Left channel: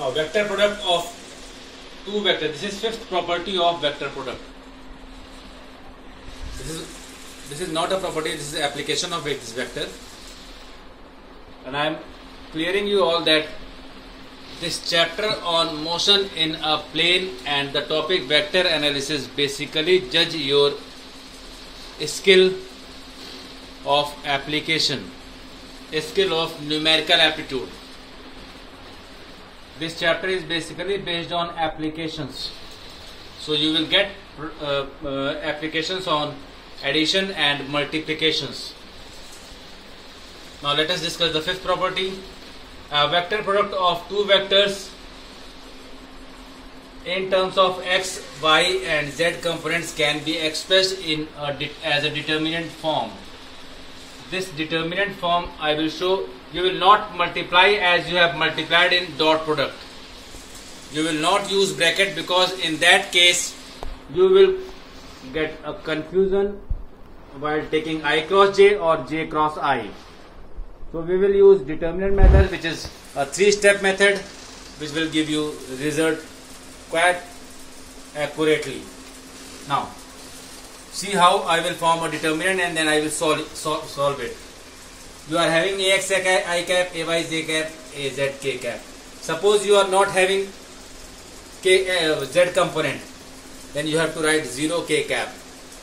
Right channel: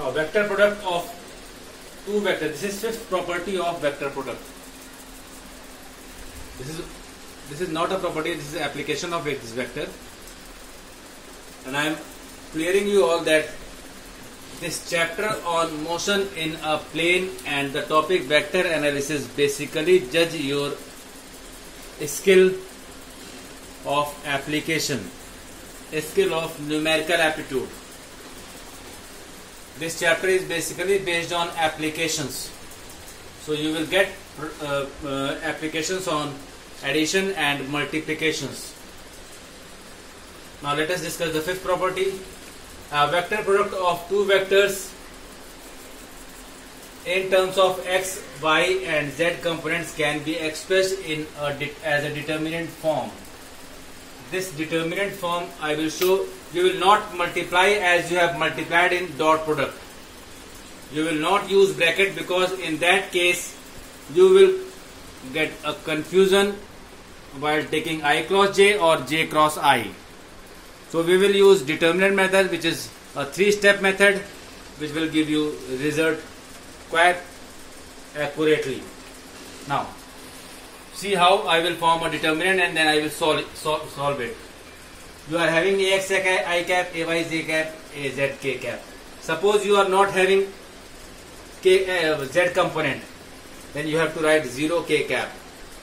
Now vector product of two vectors. This is fifth property of vector product. This is not a property. This is an application of its vector. And I am clearing you all that this chapter on motion in a plane and the topic vector analysis basically judge your skill of application, skill of numerical aptitude. This chapter is basically based on applications. So you will get applications on addition and multiplications. Now let us discuss the fifth property. A vector product of two vectors in terms of x, y and z components can be expressed in as a determinant form. This determinant form I will show. You will not multiply as you have multiplied in dot product. You will not use bracket because in that case you will get a confusion while taking I cross j or j cross I. So we will use determinant method, which is a three-step method which will give you result quite accurately. Now see how I will form a determinant and then I will solve it. You are having ax I cap, ay j cap, az k cap. Suppose you are not having z component, then you have to write 0 k cap.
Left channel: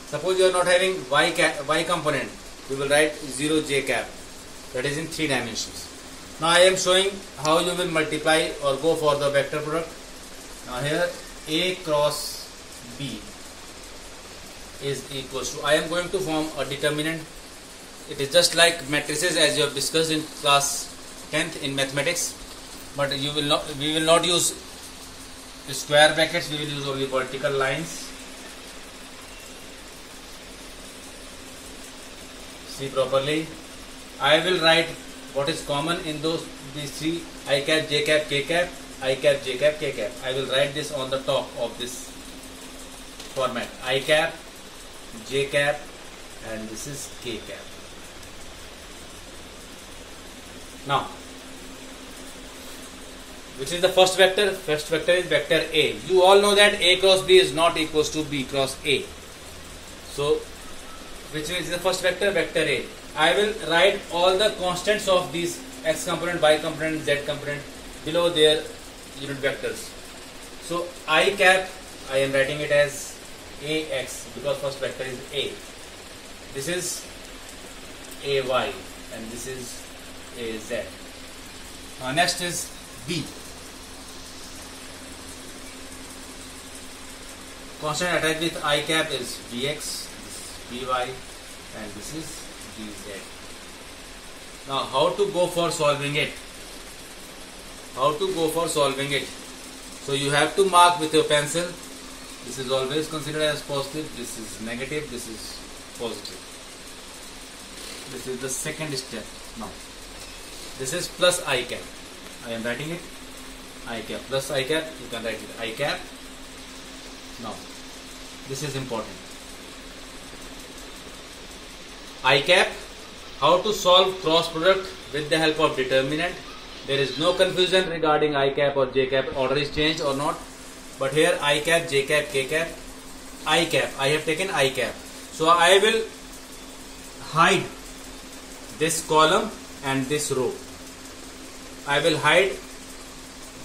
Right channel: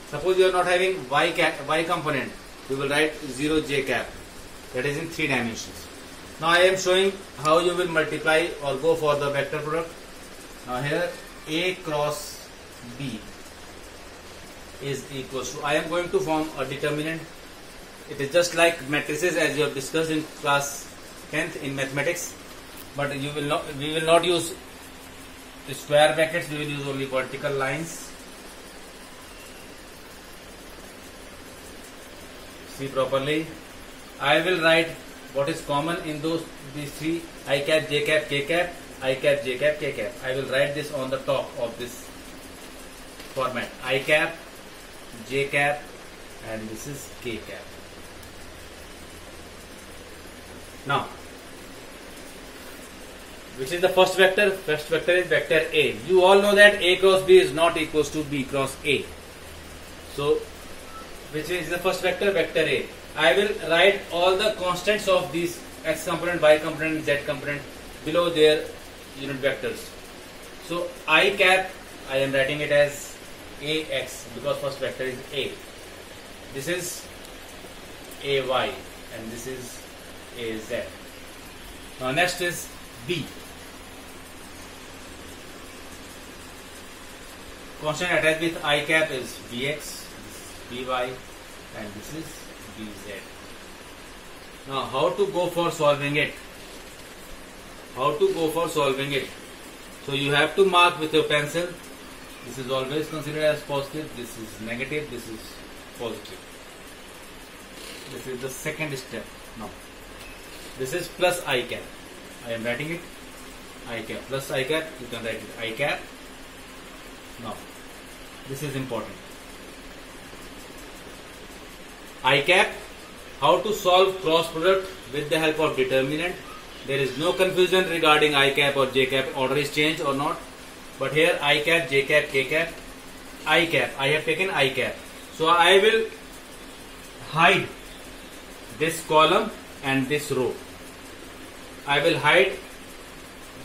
Suppose you are not having y component, you will write 0 j cap. That is in 3 dimensions. Now I am showing how you will multiply or go for the vector product. Now here a cross b is equals to, I am going to form a determinant. It is just like matrices as you have discussed in class 10th in mathematics, but we will not use square brackets, we will use only vertical lines. See properly. I will write what is common in these three: I cap, j cap, k cap, I cap, j cap, k cap. I will write this on the top of this format: I cap, j cap, and this is k cap. Now, which is the first vector? First vector is vector A. You all know that A cross B is not equals to B cross A. So, which is the first vector? Vector A. I will write all the constants of these x component, y component, z component below their unit vectors. So, I cap, I am writing it as AX because first vector is A. This is AY and this is AZ. Now next is B. Constant attached with I cap is Bx, this is By, and this is Bz. Now how to go for solving it? How to go for solving it? So you have to mark with your pencil. This is always considered as positive, this is negative, this is positive. This is the second step. Now this is plus I cap. I am writing it I cap plus I cap. You can write it I cap. Now this is important. I cap. How to solve cross product with the help of determinant. There is no confusion regarding I cap or j cap. Order is changed or not. But here I cap, j cap, k cap, I cap. I have taken I cap. So I will hide this column and this row. I will hide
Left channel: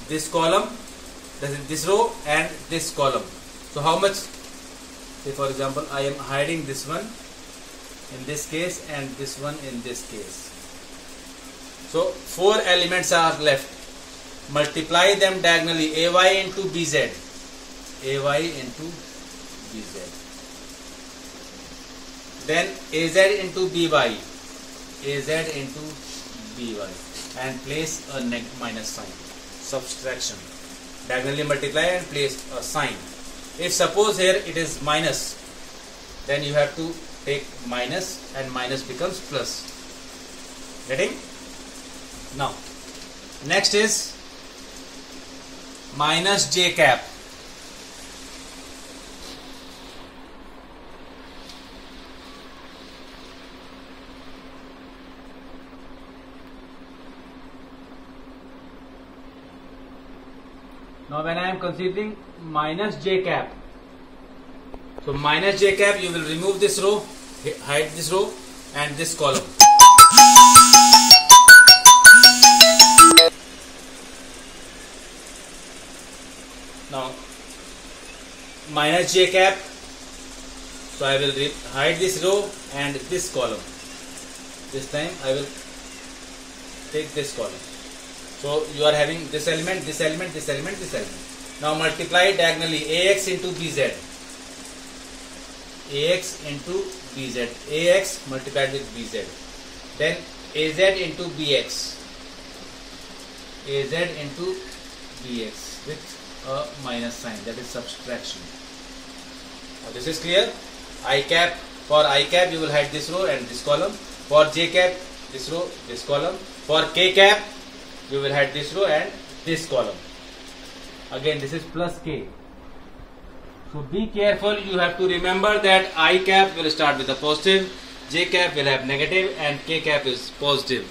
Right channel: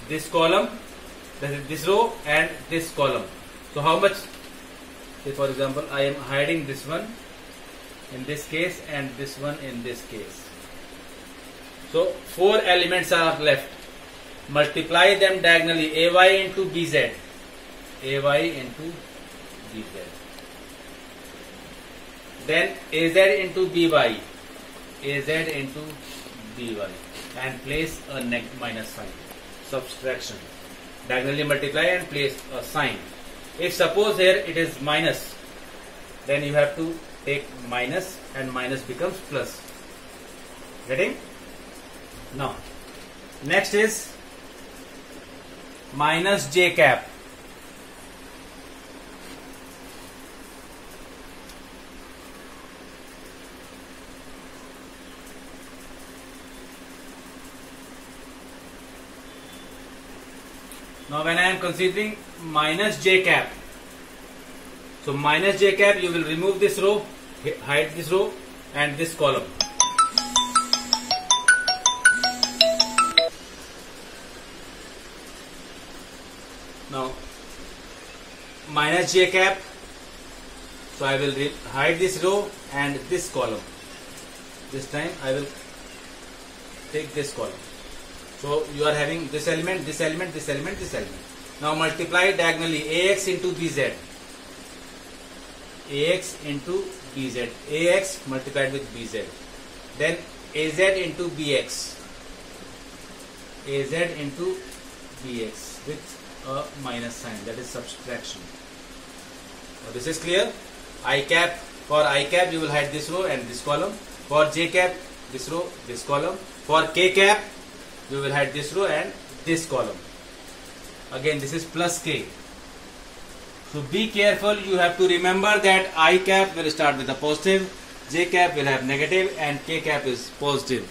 this column, this row and this column. So how much? Say for example, I am hiding this one in this case and this one in this case. So 4 elements are left. Multiply them diagonally. AY into BZ. AY into BZ. Then AZ into BY. AZ into BY. And place a minus sign. Subtraction. Diagonally multiply and place a sign. If suppose here it is minus, then you have to take minus and minus becomes plus. Getting? Now, next is minus j cap. Now when I am considering minus j cap, so minus j cap, you will remove this row, hide this row and this column. Now minus j cap, so I will hide this row and this column. This time I will take this column. So you are having this element, this element, this element, this element. Now multiply diagonally ax into bz. Ax into bz. Ax multiplied with bz. Then az into bx. Az into bx with a minus sign, that is subtraction. Now this is clear. I cap, for I cap you will hide this row and this column. For j cap, this row, this column. For k cap, you will hide this row and this column. Again this is plus k. So be careful, you have to remember that I cap will start with a positive, j cap will have negative and k cap is positive.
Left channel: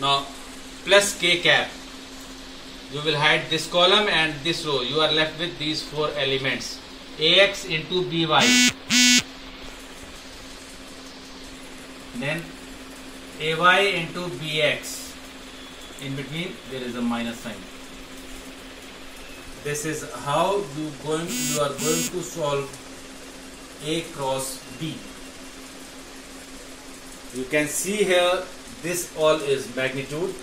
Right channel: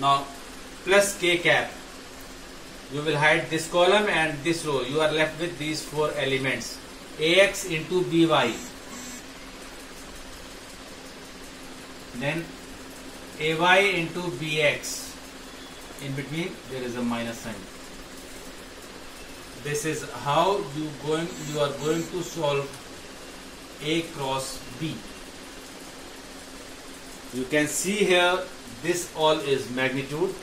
Now plus k cap, you will hide this column and this row. You are left with these four elements. Ax into by. Then ay into bx. In between there is a minus sign. This is how you are going to solve A cross B. You can see here this all is magnitude,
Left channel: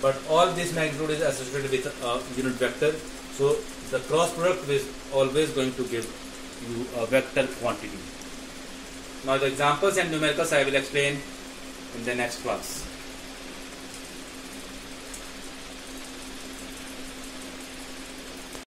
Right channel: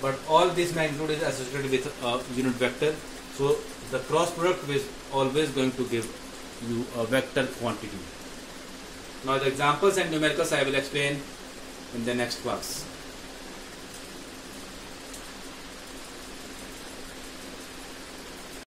but all this magnitude is associated with a unit vector. So the cross product is always going to give you a vector quantity. Now the examples and numericals I will explain in the next class.